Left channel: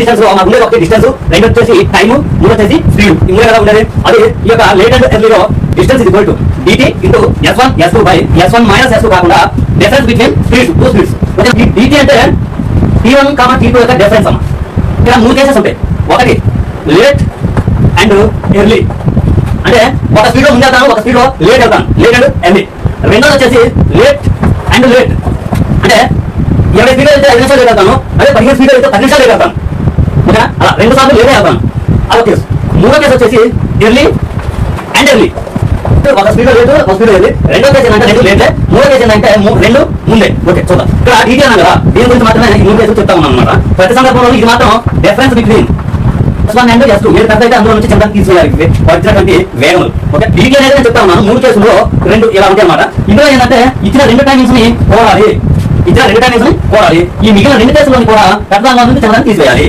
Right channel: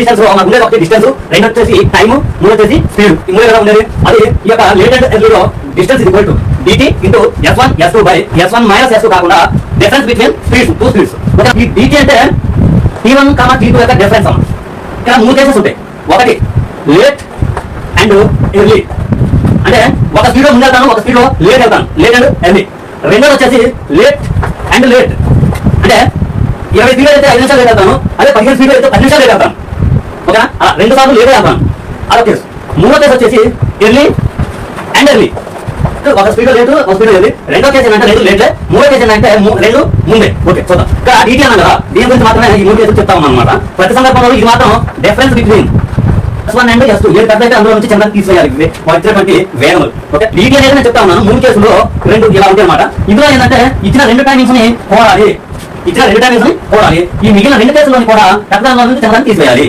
Distance మాకు ఉండేది ఒకటి డిస్టెన్స్ రెండు వచ్చేసి టైమ్ మూడు వచ్చేసి స్పీడ్ ఈ మూడు ఎలా ఉండేది. అదే ఈ యొక్క లేట్ అండ్ ఎర్లీలో డిస్టెన్స్ ఇది to DT into S one S two by S one minus S two కాకుండా difference between speeds two speeds okay ఈ డిటి అంటే T one comma T two యొక్క డిఫరెన్స్ అమ్మ. ఇక్కడ మూడు కేసెస్ ఉంటాయి. ఒకటి లేట్ అండ్ ఎర్లీ అంటే ఒక స్పీడ్లో ముందు వెళ్తాను ఒక స్పీడ్లో లేట్ వెళ్తాను. లేట్ అండ్ ఎర్లీ రెండోది వచ్చేసి లేట్ అండ్ లేట్ అంటే ఇరవై స్పీడ్ అయితే ఐదు నిమిషాలు లేట్ వెళ్తాను అదే పదిహేను స్పీడ్ అయితే పది నిమిషాలు లేట్ వెళ్తాను. ఓకేనా? అలా రెండు సార్లు లేదే అన్నాను అదొక కేసు. మూడో కేసు వచ్చేసి ఎర్లీ అండ్ ఎర్లీ. ఒక స్పీడ్ లేదు ఒక స్పీడ్ లేదు. రెండో కేసు ఏంటంటే రెండు లేట్లే. మూడో కేసు ఏంటంటే రెండు ముందే. ఓకే చూద్దాం. ఇక్కడ డీటీ అన్నాను కదా. దీని గురించి మాత్రమే ఈ మూడు కేసులు చెప్తా ఉన్నాను అనమాట ప్రతి సందర్భంలో ఇది మాత్రం difference between S one and S two ఏడు పెద్ద అయితే అందులో నుంచి చిన్న తీసేయాలి వచ్చినటువంటి వేగములు ఓకే? డీటీ అనేది నేను చెప్తా ఉన్నాను. మూడు కేసులు రెండు ఇలా ఉంటాయి అనమాట ఇందులో ఏంటంటే ఇచ్చిన రెండు టైమింగ్స్ని పోవాలి ఇచ్చిన రెండు టైమింగ్స్ని పోవాలి ఈ మిగిలిన రెండు కేసులను కూడా పెద్ద దానిలో నుంచి చిన్న తీసేయాలి